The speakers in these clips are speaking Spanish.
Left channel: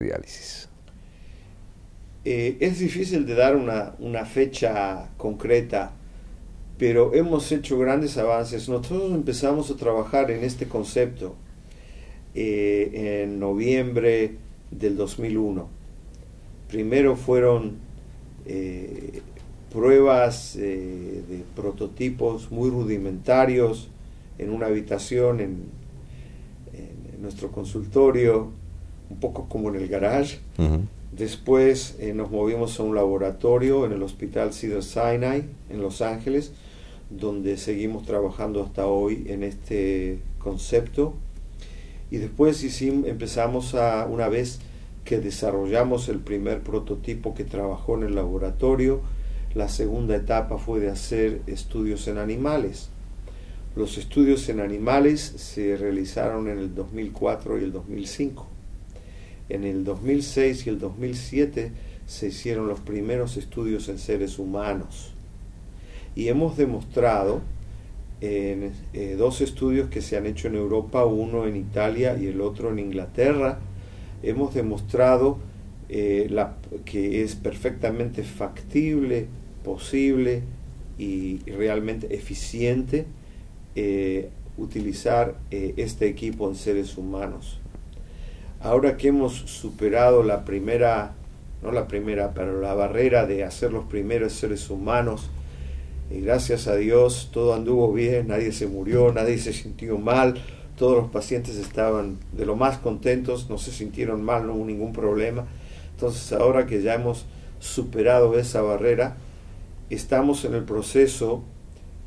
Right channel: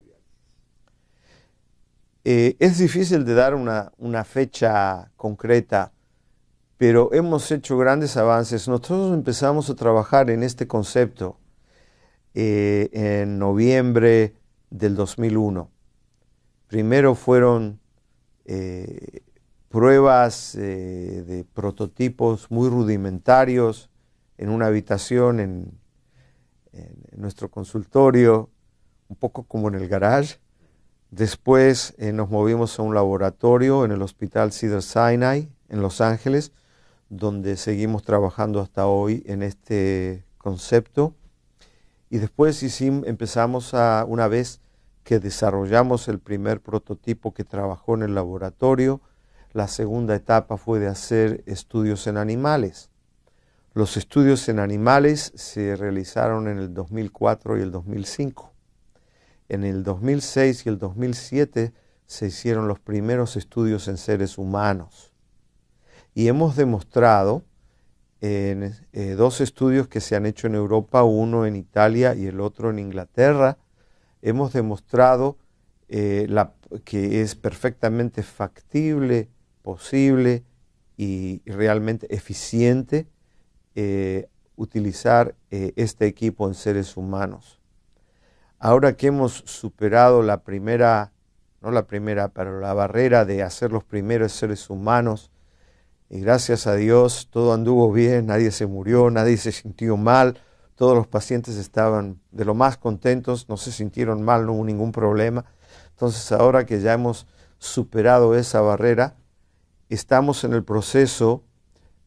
diálisis? Es difícil de dar una fecha concreta, pero hemos hecho grandes avances. Nosotros empezamos a trabajar en este concepto en noviembre del 2001. Primero fueron pruebas de prototipos muy rudimentarios en una habitación en nuestro consultorio, un poco como en el garage. Después nos movimos a un laboratorio en el Hospital Cedars-Sinai en Los Ángeles, donde seguimos trabajando hasta hoy en este concepto. Y después empezamos una vez que desarrollamos el primer prototipo que trabajó en el laboratorio, la segunda etapa fue de hacer estudios en animales. Los estudios en animales se realizaron en el 2004 y el 2005. En el 2006 y el 2007 se hicieron los primeros estudios en seres humanos. Y hemos demostrado en dos estudios que se han hecho en Europa, uno en Italia y el otro en Inglaterra, hemos demostrado que es perfectamente factible, posible y realmente eficiente utilizar este equipo en seres humanos. Ahora que hemos superado la barrera de hacer los primeros seres humanos, y gracias a Dios todo anduvo bien, nadie se murió, nadie se sintió mal, todos los pacientes estaban de lo más contentos, no se sintieron mal, no hubo ningún problema. Entonces ahora que ya hemos superado esa barrera, estamos en el proceso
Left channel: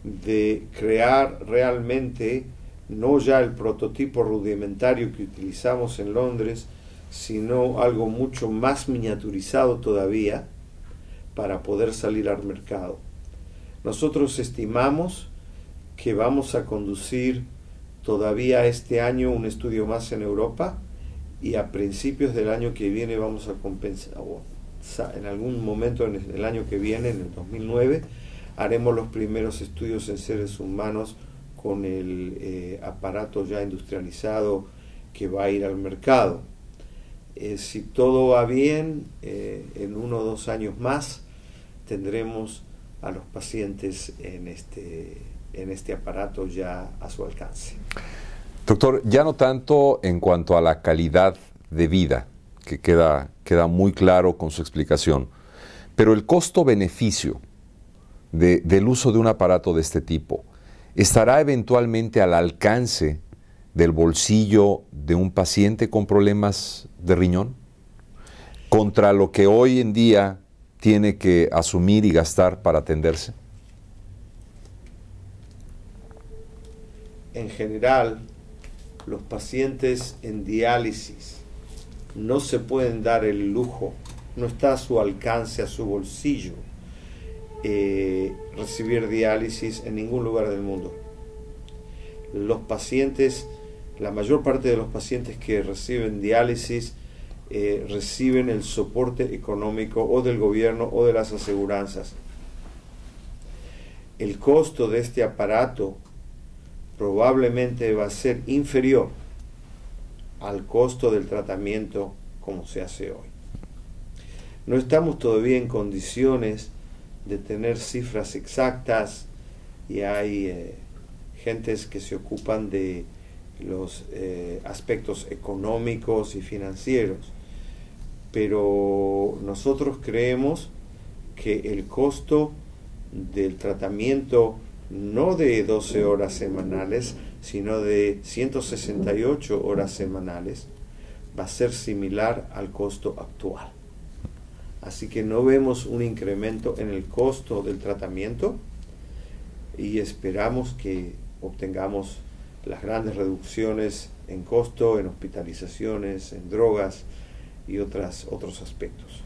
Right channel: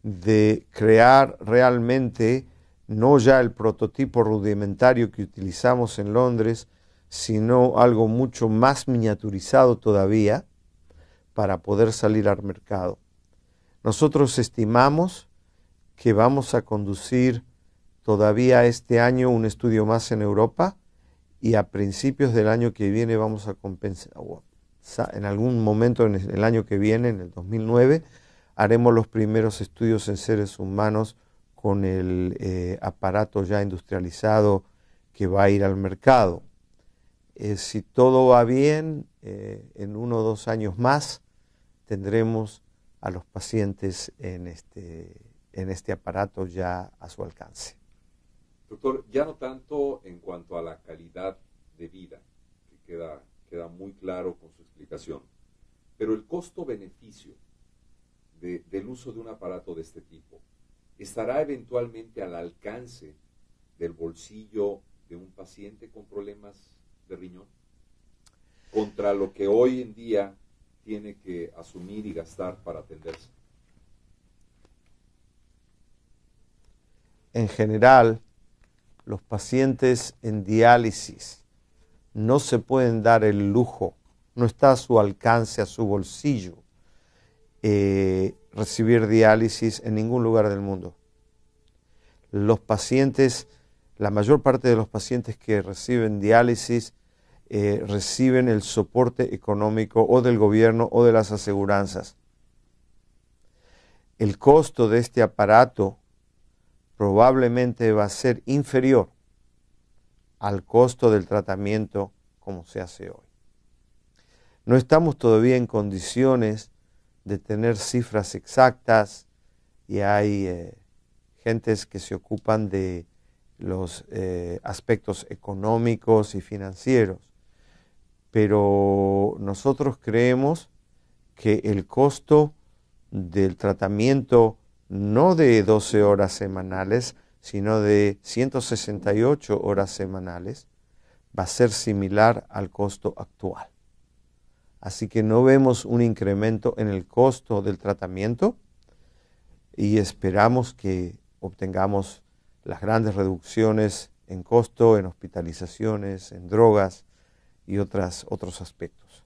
de crear realmente no ya el prototipo rudimentario que utilizamos en Londres, sino algo mucho más miniaturizado todavía para poder salir al mercado. Nosotros estimamos que vamos a conducir todavía este año un estudio más en Europa y a principios del año que viene vamos a compensar, en algún momento en el año que viene, en el 2009, haremos los primeros estudios en seres humanos con el aparato ya industrializado que va a ir al mercado. Si todo va bien, en 1 o 2 años más tendremos a los pacientes en este aparato ya a su alcance. Doctor, ya no tanto en cuanto a la calidad de vida, que queda muy claro con su explicación, pero el costo-beneficio del uso de un aparato de este tipo, ¿estará eventualmente al alcance del bolsillo de un paciente con problemas de riñón? Contra lo que hoy en día tiene que asumir y gastar para atenderse. En general, los pacientes en diálisis no se pueden dar el lujo, no está a su alcance, a su bolsillo, recibir diálisis en ningún lugar del mundo. Los pacientes, la mayor parte de los pacientes que reciben diálisis reciben el soporte económico o del gobierno o de las aseguranzas. El costo de este aparato probablemente va a ser inferior al costo del tratamiento como se hace hoy. No estamos todavía en condiciones de tener cifras exactas y hay gentes que se ocupan de los aspectos económicos y financieros, pero nosotros creemos que el costo del tratamiento no de 12 horas semanales, sino de 168 horas semanales, va a ser similar al costo actual. Así que no vemos un incremento en el costo del tratamiento y esperamos que obtengamos las grandes reducciones en costo, en hospitalizaciones, en drogas y otros aspectos.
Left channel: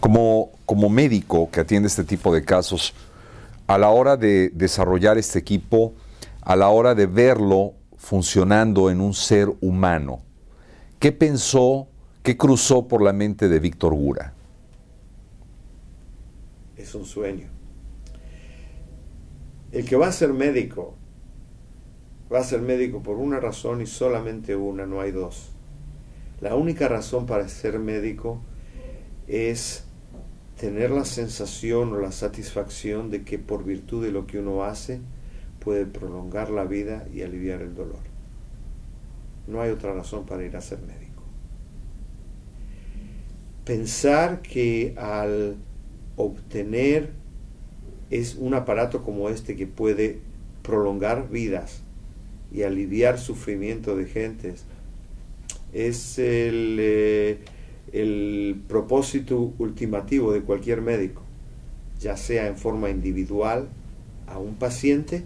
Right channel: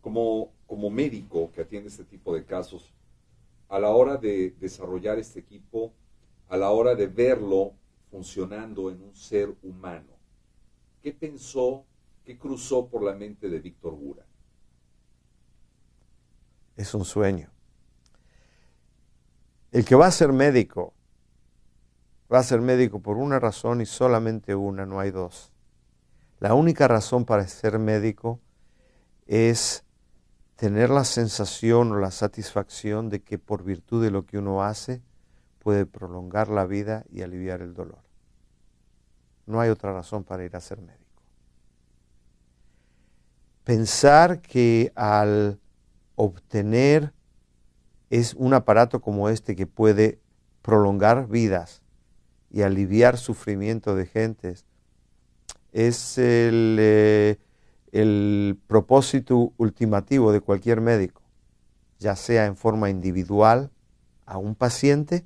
Como médico que atiende este tipo de casos, a la hora de desarrollar este equipo, a la hora de verlo funcionando en un ser humano, ¿qué pensó, qué cruzó por la mente de Víctor Gura? Es un sueño. El que va a ser médico por una razón y solamente una, no hay dos. La única razón para ser médico es tener la sensación o la satisfacción de que por virtud de lo que uno hace puede prolongar la vida y aliviar el dolor. No hay otra razón para ir a ser médico. Pensar que al obtener es un aparato como este que puede prolongar vidas y aliviar sufrimiento de gentes es el propósito ultimativo de cualquier médico, ya sea en forma individual a un paciente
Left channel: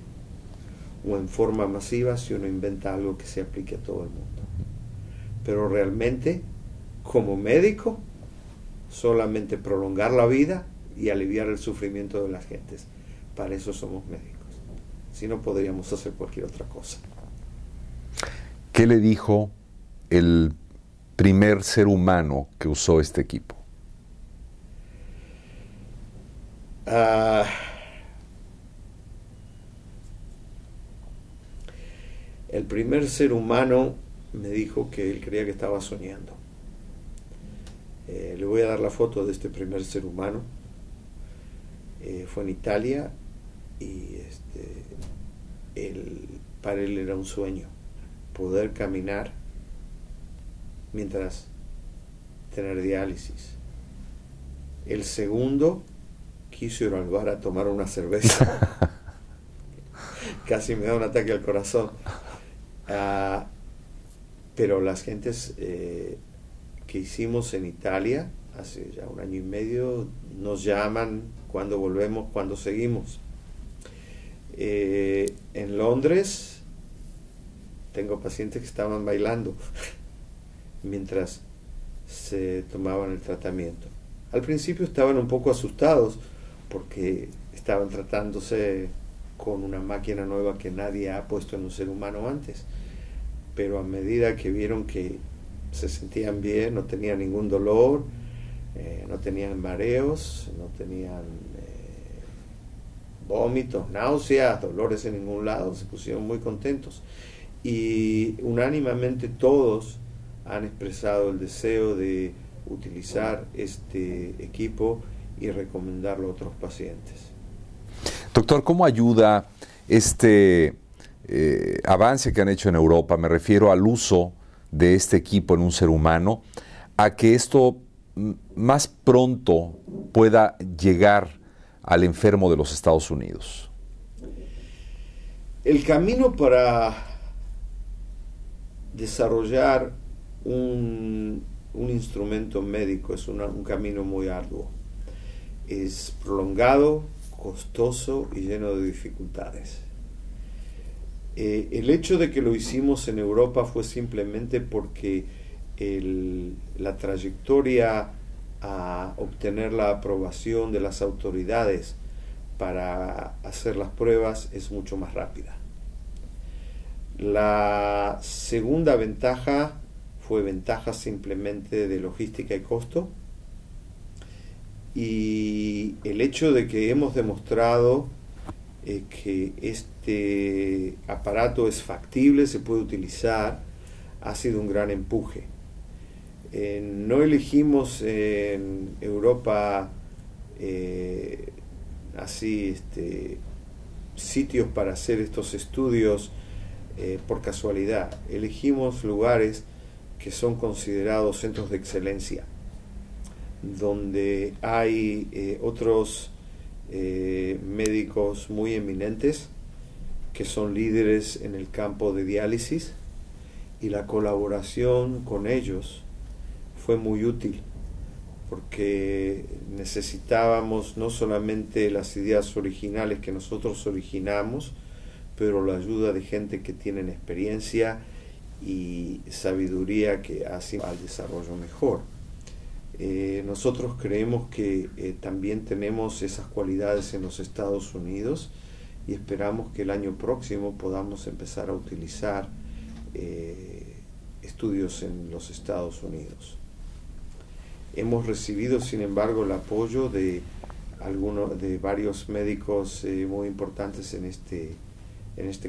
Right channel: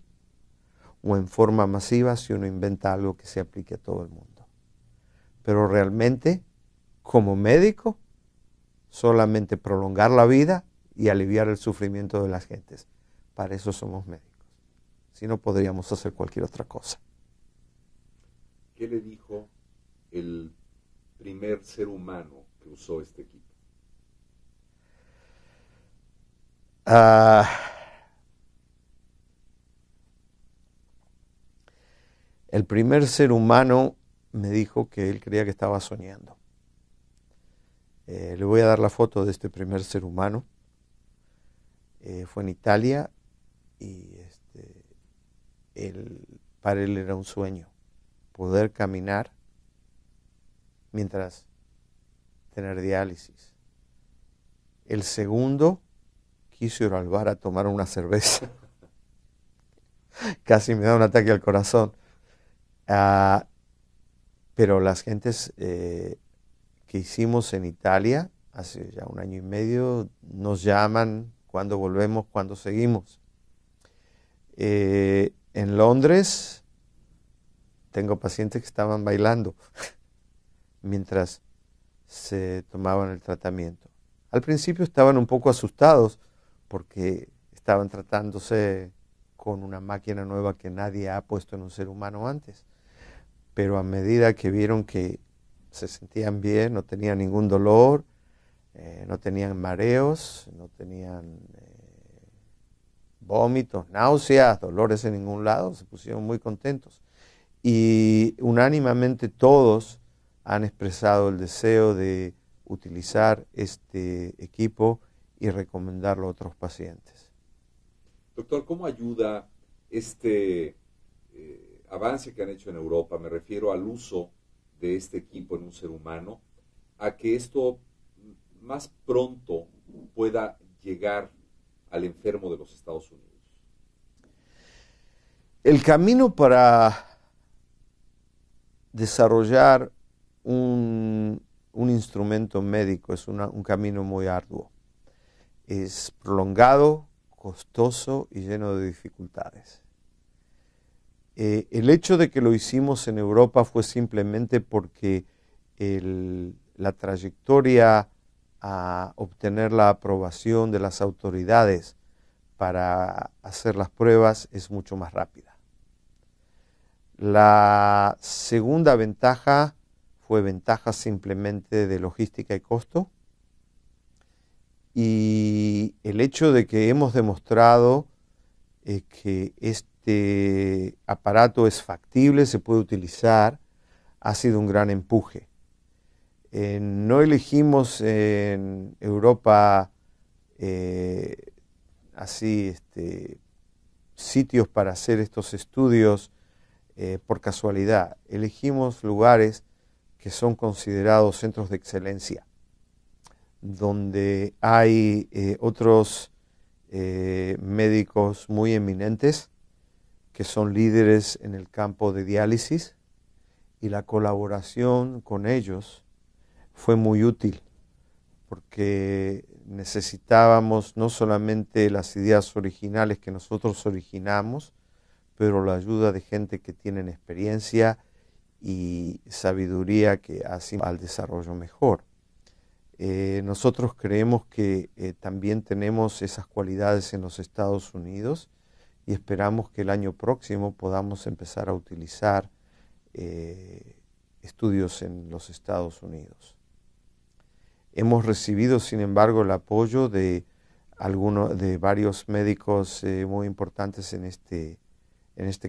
o en forma masiva si uno inventa algo que se aplique a todo el mundo. Pero realmente, como médico, solamente prolongar la vida y aliviar el sufrimiento de las gentes. Para eso somos médicos. Si no, podríamos hacer cualquier otra cosa. ¿Qué le dijo el primer ser humano que usó este equipo? El primer ser humano me dijo que él creía que estaba soñando. Le voy a dar la foto de este primer ser humano. Fue en Italia y para él era un sueño poder caminar mientras tener diálisis. El segundo quiso ir al bar a tomar una cerveza. Casi me da un ataque al corazón. Pero las gentes que hicimos en Italia hace ya 1 año y medio nos llaman cuando volvemos, cuando seguimos. En Londres tengo pacientes que estaban bailando mientras se tomaban el tratamiento. Al principio estaban un poco asustados porque estaban tratándose con una máquina nueva que nadie ha puesto en un ser humano antes. Pero a medida que vieron que se sentían bien, no tenían ningún dolor, no tenían mareos, no tenían vómitos, náuseas, dolores en ningún lado, se pusieron muy contentos. Y unánimemente todos han expresado el deseo de utilizar este equipo y recomendarlo a otros pacientes. Doctor, ¿cómo ayuda este avance que han hecho en Europa, me refiero al uso de este equipo en un ser humano, a que esto más pronto pueda llegar al enfermo de los Estados Unidos? El camino para desarrollar un instrumento médico es un camino muy arduo. Es prolongado, costoso y lleno de dificultades. El hecho de que lo hicimos en Europa fue simplemente porque la trayectoria a obtener la aprobación de las autoridades para hacer las pruebas es mucho más rápida. La segunda ventaja fue ventaja simplemente de logística y costo, y el hecho de que hemos demostrado que este aparato es factible, se puede utilizar, ha sido un gran empuje. No elegimos en Europa sitios para hacer estos estudios por casualidad. Elegimos lugares que son considerados centros de excelencia, donde hay otros médicos muy eminentes que son líderes en el campo de diálisis, y la colaboración con ellos fue muy útil porque necesitábamos no solamente las ideas originales que nosotros originamos, pero la ayuda de gente que tienen experiencia y sabiduría que hacen al desarrollo mejor. Nosotros creemos que también tenemos esas cualidades en los Estados Unidos, y esperamos que el año próximo podamos empezar a utilizar estudios en los Estados Unidos. Hemos recibido, sin embargo, el apoyo de varios médicos muy importantes en este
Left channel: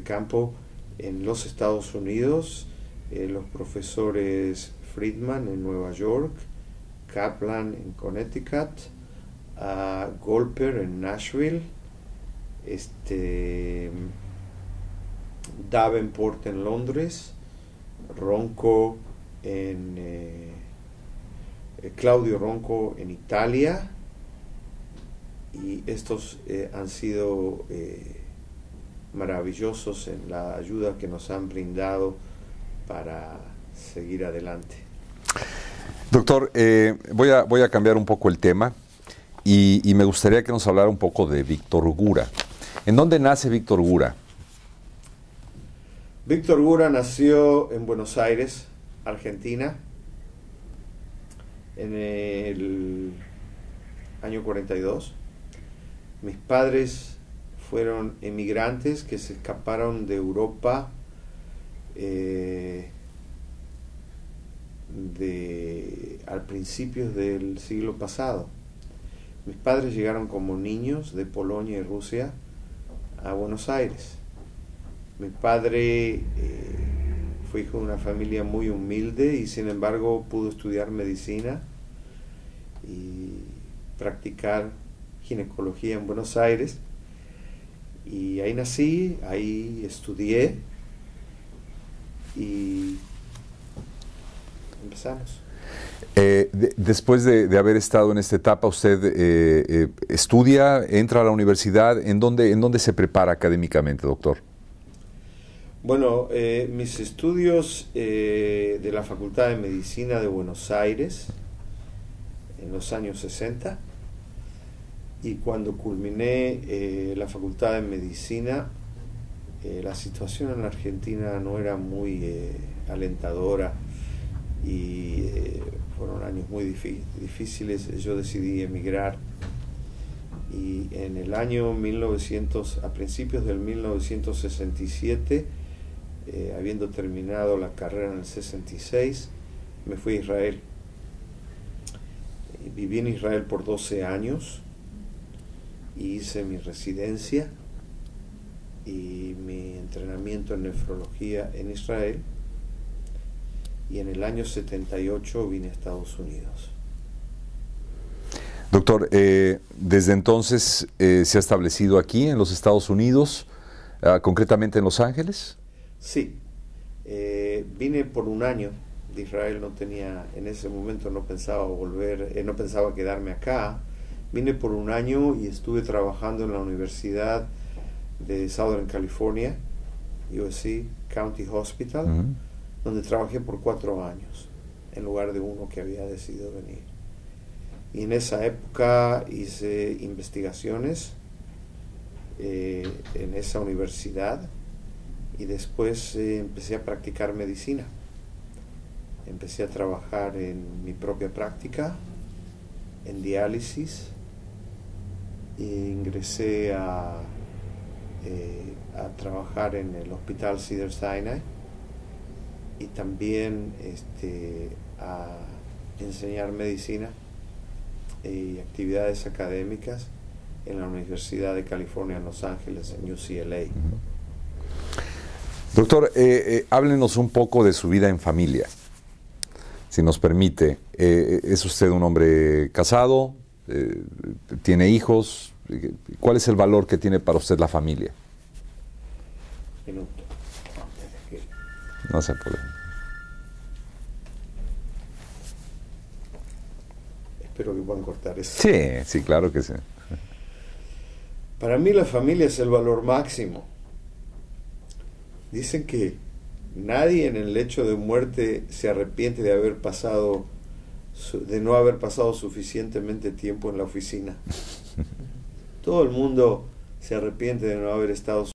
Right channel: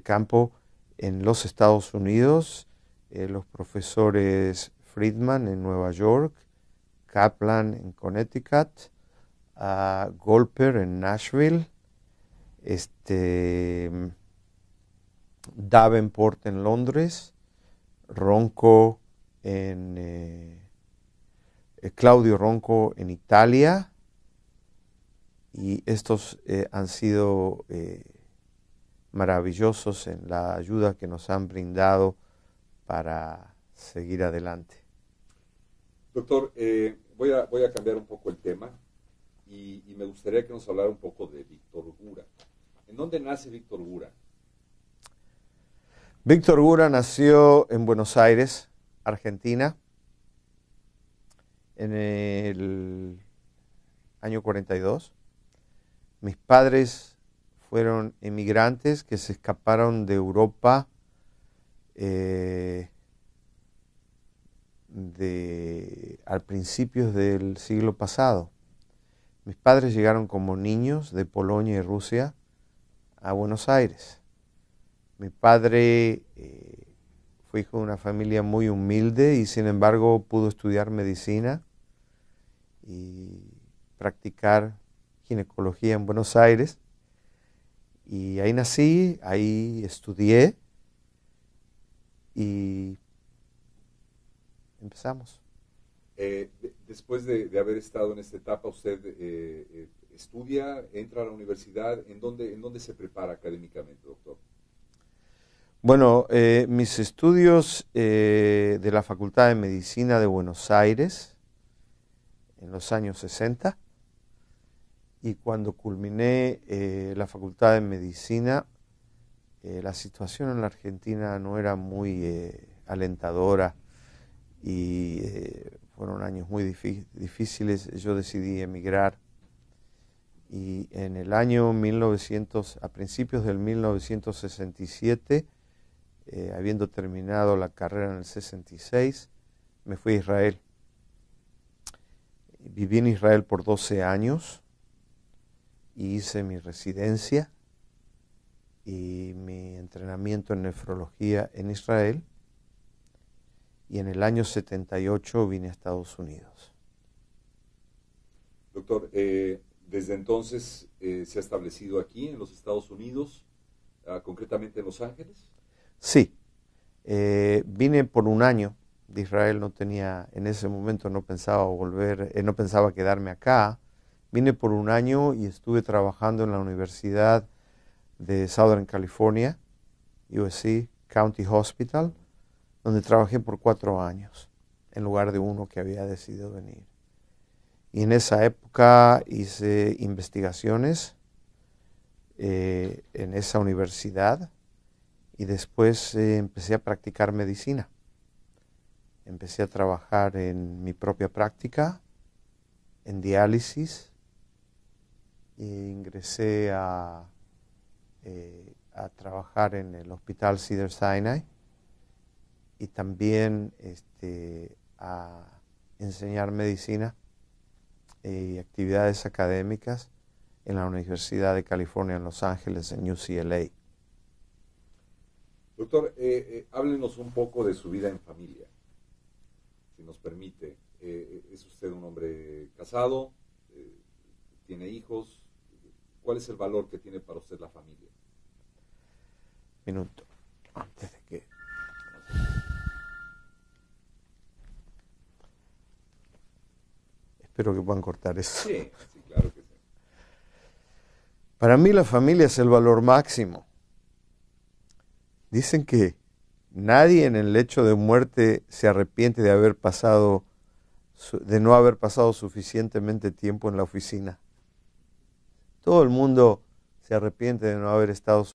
campo en los Estados Unidos, los profesores Friedman en Nueva York, Kaplan en Connecticut, Golper en Nashville, Davenport en Londres, Ronco Claudio Ronco en Italia, y estos han sido maravillosos en la ayuda que nos han brindado para seguir adelante. Doctor, voy a cambiar un poco el tema y me gustaría que nos hablara un poco de Víctor Gura. ¿En dónde nace Víctor Gura? Víctor Gura nació en Buenos Aires, Argentina, en el año 42. Mis padres fueron emigrantes que se escaparon de Europa al principio del siglo pasado. Mis padres llegaron como niños de Polonia y Rusia a Buenos Aires. Mi padre fue hijo de una familia muy humilde y sin embargo pudo estudiar medicina y practicar ginecología en Buenos Aires. Y ahí nací, ahí estudié y empezamos. Después de haber estado en esta etapa, ¿usted estudia, entra a la universidad? ¿En dónde se prepara académicamente, doctor? Bueno, mis estudios de la Facultad de Medicina de Buenos Aires en los años 60, y cuando culminé la Facultad de Medicina, la situación en la Argentina no era muy alentadora y fueron años muy difíciles. Yo decidí emigrar y en el año 1900, a principios del 1967, habiendo terminado la carrera en el 66, me fui a Israel. Viví en Israel por 12 años y hice mi residencia y mi entrenamiento en nefrología en Israel, y en el año 78 vine a Estados Unidos. Doctor, desde entonces se ha establecido aquí en los Estados Unidos, concretamente en Los Ángeles. Sí, vine por un año de Israel, en ese momento no pensaba volver, no pensaba quedarme acá. Vine por un año y estuve trabajando en la Universidad de Southern California, USC County Hospital, donde trabajé por 4 años, en lugar de uno que había decidido venir. Y en esa época hice investigaciones en esa universidad, y después empecé a practicar medicina. Empecé a trabajar en mi propia práctica, en diálisis, e ingresé a trabajar en el Hospital Cedars-Sinai, y también a enseñar medicina y actividades académicas en la Universidad de California en Los Ángeles, en UCLA. Doctor, háblenos un poco de su vida en familia, si nos permite. ¿Es usted un hombre casado? ¿Tiene hijos? ¿Cuál es el valor que tiene para usted la familia? Minuto. No se apure. Espero que puedan cortar eso. Sí, sí, claro que sí. Para mí la familia es el valor máximo. Dicen que nadie en el lecho de muerte se arrepiente de no haber pasado suficientemente tiempo en la oficina. Todo el mundo se arrepiente de no haber estado